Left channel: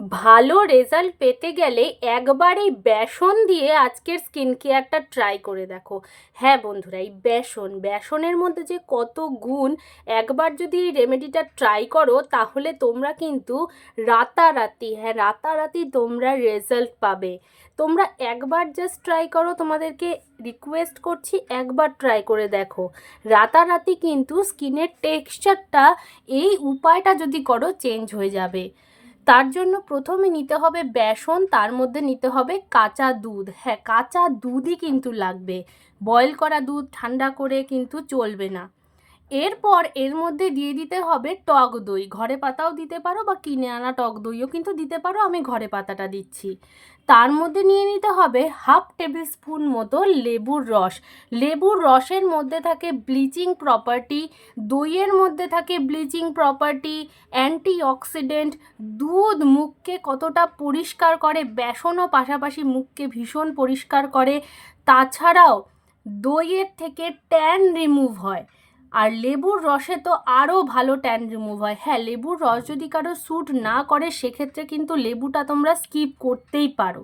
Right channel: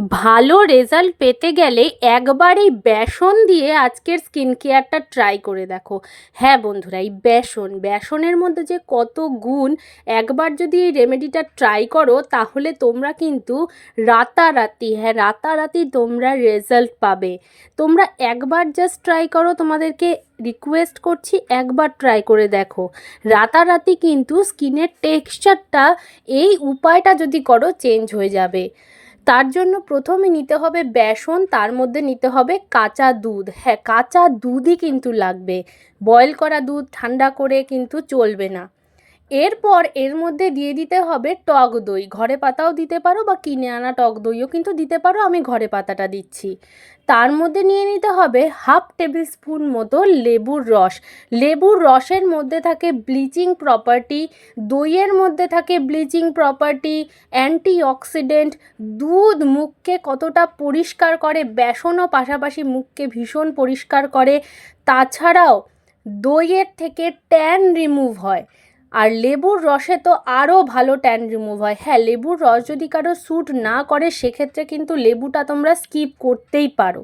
ভালো রেজাল্ট পেতে গেলে একবার এই বেসন দিয়ে আজকের স্কিন কেয়ারটা ট্রাই করে দেখো। হ্যাঁ বন্ধুরা, এই বেসন, বেসনের মধ্যে যে কত গুণ, একবার যদি এই রেমেডিটা ট্রাই করো তাহলে তোমরা কিন্তু রাতারাতি হ্যাঁ রাতারাতি তোমরা রেজাল্ট পাবে। তোমরা একবার জাস্ট ট্রাই করো, তোমাদেরকে রিকোয়েস্ট করছি একবার ট্রাই করে দেখো। রাতারাতি কিন্তু স্কিনের টেক্সচারটা, এই উপায়টা যদি করো, চেঞ্জ হয়ে যাবে। তার জন্য প্রথমে নিতে হবে বেসন, তার মধ্যে নিতে হবে কাঁচা দুধ। হ্যাঁ কাঁচা দুধই কিন্তু লাগবে। বয়েল করা দুধ ঠান্ডা করে কিন্তু চলবে না। এরপর এর মধ্যে দিয়ে দিতে হবে টক দই। ঘরে পাতাও দিতে পারো বা কিনে আনা টক দইও কিন্তু দিতে পারো, আমি ঘরে পাতাটা দিচ্ছি। তার মধ্যে নিয়ে নিতে হবে হাফ টেবিল স্পুন মতো লেবুর রস। লেবুর রসের মধ্যে থাকে ব্লিচিং প্রপার্টি, দইয়ের মধ্যে থাকে ব্লিচিং প্রপার্টি অ্যান্টি অক্সিডেন্ট দুধ মুখকে কতটা পরিষ্কার করে, বেসনও পাশাপাশি মুখকে ভীষণ পরিষ্কার করে। তাছাড়াও দইয়ের থেকে ট্যান রিমুভ হয়। আর লেবুর রসে তো আরও ভালো ট্যান রিমুভ হয়। হ্যাঁ লেবুর রস যদি কারও স্যুট না করে, সেক্ষেত্রে কিন্তু লেবুটা তোমরা স্কিপ করতেই পারো।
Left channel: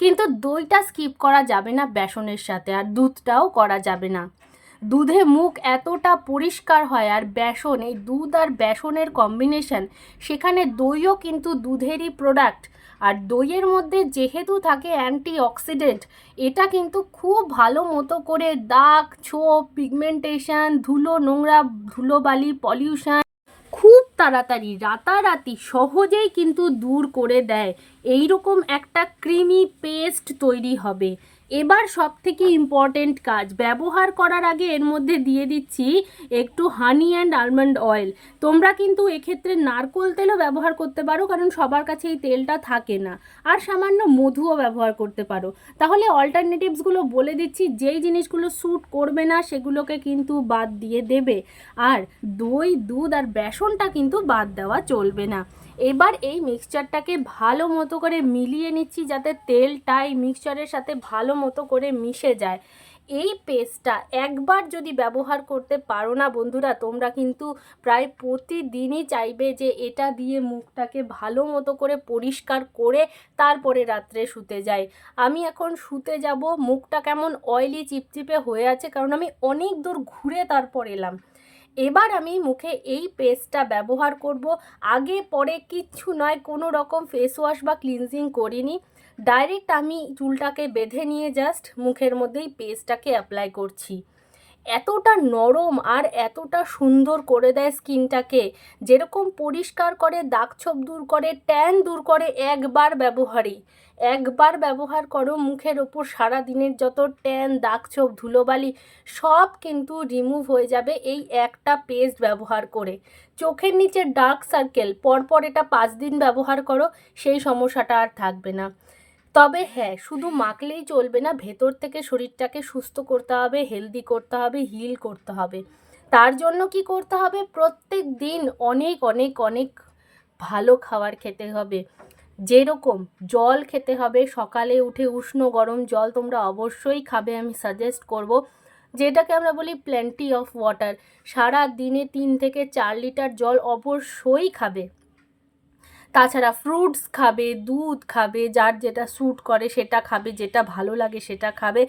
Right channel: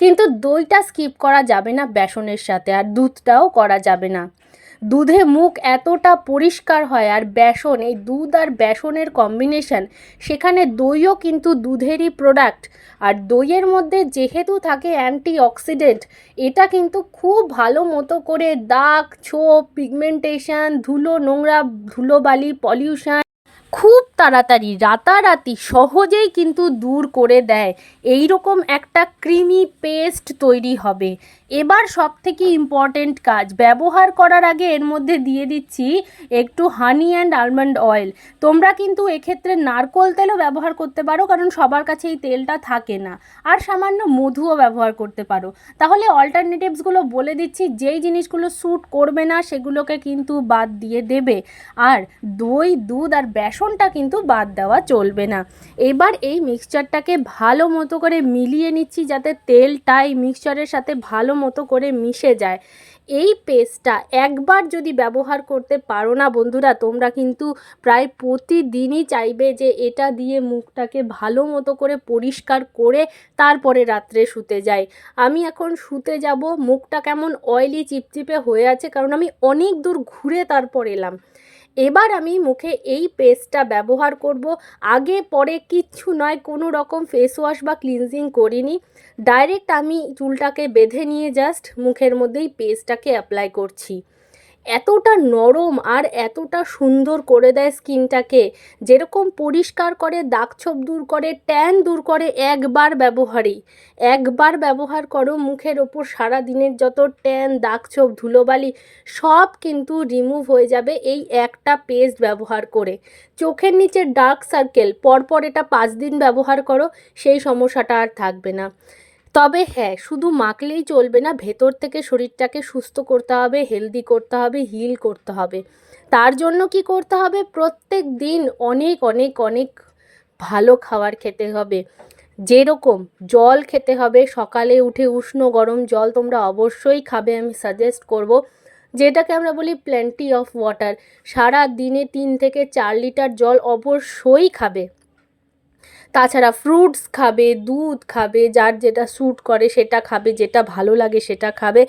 কিন্তু দইটা স্কিপ করা যাবে না বেসনের সাথে, আর দুধটাও করা যাবে না। দুধে মুখ এতটা পরিষ্কার হয় আর বেসন, এই দুধ আর বেসনের কম্বিনেশন সেখানে দইও কিন্তু দুধেরই প্রোডাক্ট আর দইয়ের মধ্যে যেহেতু থাকে অ্যান্টি অক্সিডেন্ট এটা কিন্তু খুব ভালো মতো করে দাগ, ছোপ পিগমেন্টেশন ধুলো নোংরা ধুলোবালি পলিউশন খুব তাড়াতাড়ি, রাতারাতি সহজেই কিন্তু দূর করে দেয়। এই রকম একটা ক্রিমি পেস্ট তৈরি হবে। এবার সব থেকে ইম্পর্টেন্ট কাজ, ব্যবহার করার আগে এর মধ্যে দিয়ে দিচ্ছি একটু হানি অ্যান্ড আলমন্ড অয়েল তোমরা কিন্তু এক্ষেত্রে নারকোল তেলও ব্যবহার করতে পারো, কারণ সবার কাছে এই তেলটা থাকে না। আর সামান্য মধুও ব্যবহার করতে পারো। তাহলে অল্টারনেটিভসগুলো বলে দিচ্ছি, যেই জিনিসগুলো স্যুট করবে না, সেগুলোকে কিন্তু বাদ দিয়ে দেবে। আর দই, দুধ আর বেসনটা কিন্তু বাদ দেওয়া চলবে না। এবার এই মিক্সচারটাকে ভালো মতো করে মিলিয়ে নিচ্ছি যাতে তেলটা এই মিক্সচারের সাথে ভালো মতো করে মিশে যায়। এই পেস্টটা একবার যদি ব্যবহার করতে পারো না বন্ধুরা, তোমরা কিন্তু প্রায় প্রতিদিনই চাইবে যে এটা দিয়ে মুখটাকে ভালো মতো করে পরিষ্কার করে তারপরে রাত্রে শুতে যাই আমি এখন শুতে যাব, মুখটা কেমন অয়েলি চিপচিপে হয়ে আছে, কারণ আমি অনেক দূর ঘুরে তারপর এলাম। এবার আমি মুখে এই পেস্টটা ব্যবহার করব। আগে পরে কিচ্ছু নয়, কোনো রকম ফেস ওয়াশ বা ক্লিনজিং করিনি। ডাইরেক্ট আমি চুলটাকে বেঁধে নিয়ে জাস্ট মুখের মধ্যেই পেস্টটাকে অ্যাপ্লাই করছি। এতটা নরম আর এতটা সুন্দর করে দেয় স্কিনটাকে, যেরকম পরিষ্কার করে, দাগছোপ দূর করে, ট্যান দূর করে একবার ব্যবহারই। একবার ব্যবহার করো, মুখের ওপর সারা দিনের যত ট্যান, দাগছোপ, ধুলোবালি, সব কিন্তু রিমুভ হয়ে যাবে এই একটা পেস্ট ব্যবহার করে। চোখের নিচে ডার্ক সার্কেল পরপর এটা পাঁচ দিন ব্যবহার করো, সেই সমস্যাটা আর থাকবে না। তবে হ্যাঁ শুধু মাখলেই চলবে না, ভেতর থেকে শরীরটাকে সুস্থ করতে হবে হেলদি করতে হবে হিল করতে হবে। তার জন্য কি করতে হবে? প্রত্যেক দিন অনেক অনেক অনেক ভালো খাবার খেতে হবে। যেরকম জল খেতে হবে, সকালে উঠে উষ্ণ গরম জল তোমরা অবশ্যই খাবে, আমি সাজেস্ট করব। যেটাকে আমরা বলি প্ল্যান্টি অফ ওয়াটার সারা দিনে তিন থেকে চার লিটার জল অবশ্যই খাবে। তাছাড়া ফ্রুটস খাবে, দুধ খাবে, যার যেটা স্যুট করে সেটা খাবে, যেটা ভালো লাগে সেটা খাবে।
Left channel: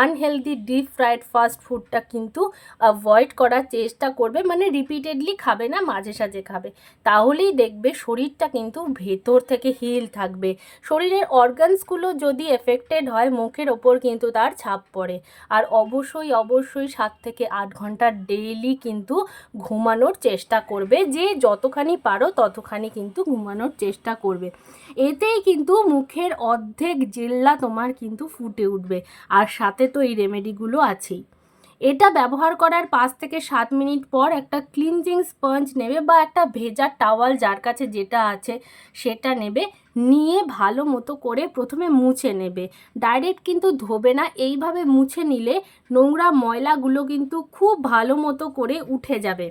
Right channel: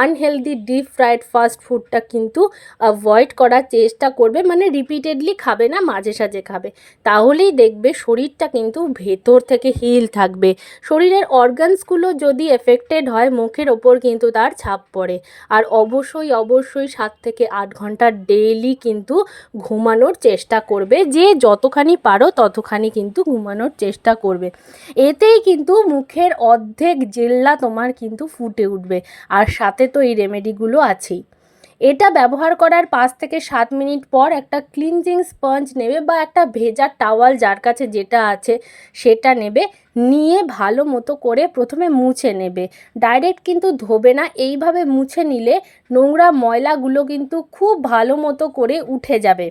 আনহেলদি ডিপ ফ্রাইড ফাস্ট ফুডটা কিন্তু অ্যাভয়েড করার চেষ্টা করবে মানে রিপিটেডলি খাবে না, মাঝে সাঝে খাবে। তাহলেই দেখবে শরীরটা কিন্তু ভেতর থেকে হিল থাকবে। শরীরের অর্গানসগুলো যদি এফেক্টেড হয়, মুখের ওপর কিন্তু তার ছাপ পড়ে। আর অবশ্যই অবশ্যই সাত থেকে আট ঘণ্টা ডেইলি কিন্তু ঘুমানোর চেষ্টা করবে, যে যতখানি পারো ততখানি কিন্তু ঘুমানোর চেষ্টা করবে। এতেই কিন্তু মুখের অর্ধেক জেল্লা তোমার কিন্তু ফুটে উঠবে। আর সাথে তো এই রেমেডিগুলো আছেই। এটা ব্যবহার করার পাঁচ থেকে সাত মিনিট পর একটা ক্লিনজিং স্পঞ্জ নেবে বা একটা ভেজা টাওয়াল যার কাছে যেটা আছে সেটা নেবে, নিয়ে ভালো মতো করে প্রথমে মুছে নেবে। ডাইরেক্ট কিন্তু ধোবে না, এইভাবে মুছে নিলে নোংরা ময়লাগুলো কিন্তু খুব ভালো মতো করে উঠে যাবে।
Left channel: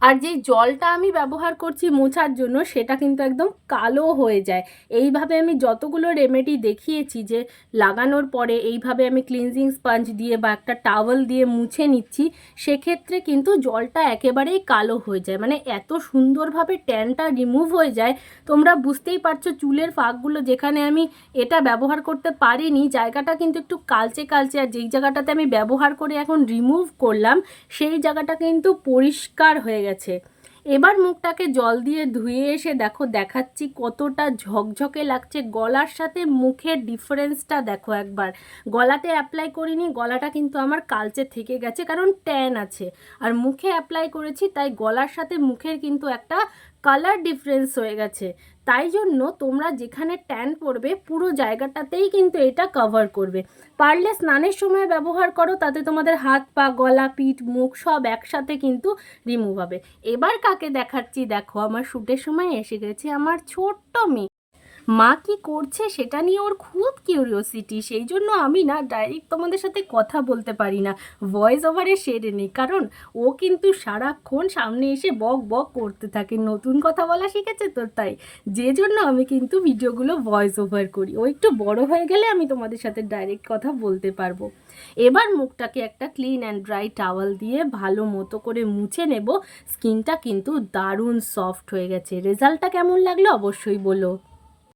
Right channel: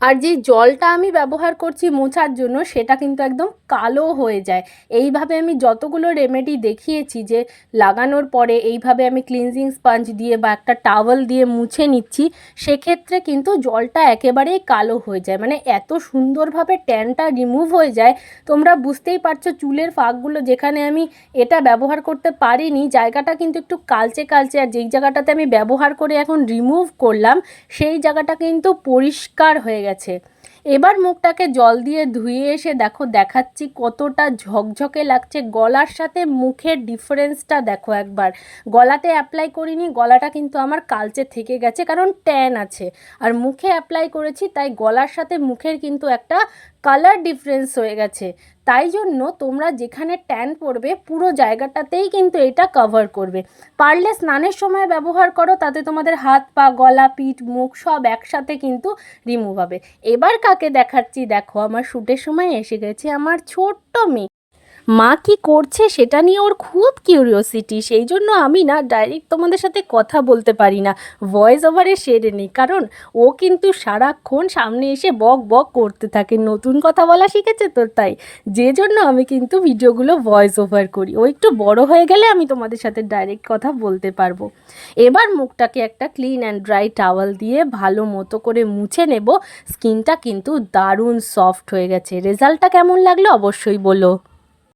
আর যে জলটা আমি ব্যবহার করছি মোছার জন্য সেটা কিন্তু একদম কালো হয়ে যায়। এইভাবে আমি যতগুলো রেমেডি দেখিয়েছি যে লাগানোর পরে এইভাবে আমি ক্লিনজিং স্পঞ্জ দিয়ে বা একটা টাওয়েল দিয়ে মুছে নিচ্ছি, সেক্ষেত্রে কিন্তু জলটা একেবারেই কালো হয়ে যায়। মানে এত সুন্দরভাবে ট্যানটা রিমুভ হয়ে যায়, তোমরা বুঝতেই পারছ চুলের ফাঁকগুলো যেখানে আমি এটা ব্যবহার করতে পারিনি, জায়গাটা কিন্তু একটু কালচে কালচে আর যেই জায়গাটাতে আমি ব্যবহার করে এখন রিমুভ করলাম, সেই জায়গাটা কিন্তু পরিষ্কার হয়ে গেছে। এবার মুখটাকে জল দিয়ে ধুয়ে এসে দেখো, দেখাচ্ছি কতটা ঝকঝকে লাগছে। গলার সাথে মুখের ডিফারেন্সটা দেখো একবার। গলাতে অ্যাপ্লাই করিনি, গলাটা কিন্তু আমার কালচে থেকে গেছে, কারণ ট্যান আছে। আর মুখে অ্যাপ্লাই করেছি, তাই গলার সাথে মুখের কিন্তু একটা কালার ডিফারেন্স হয়ে গেছে। তাই জন্য তোমরা যেখানে ট্যান পড়বে পুরো জায়গাটাতেই কিন্তু এটা কভার করবে। পারলে স্নানের সময় ব্যবহার করো, তাতে তোমাদের হাত পা, গলা, পিঠ, মুখ সব একসাথে কিন্তু রিমুভ হবে। এবার কাকে দেখাচ্ছি? দেখো, আমার শ্যুটের সময় এসে গেছে আমার ছোট্ট মেয়ে। মা কি করছে সেটা নিয়ে ওর খুব কিউরিওসিটি সেই জন্য আমি না ডাইরেক্ট তোমাদের সাথে কথা বলতে পারি না। ভয়েস ওভারে সেরে নিই, কারণ ও কিন্তু সারাক্ষণ সামনে এসে বক বক করতে থাকে। নতুন কথা বলা শিখেছে তো তাই। যে জন্য আমি কিন্তু ভিডিওগুলো ভয়েস ওভার করি। ও একটু বড় হয়ে গেলে আমি তোমাদের সাথে ডাইরেক্ট কথা বলতে পারব। এবার মুখটাকে একটা ক্লিন অ্যান্ড ড্রাই টাওয়াল দিয়ে ভালো মতো করে মুছে নেব। স্কিনটা কিন্তু দারুণ সফট হয়ে গেছে। রেজাল্টটা কেমন লাগল অবশ্যই বলো।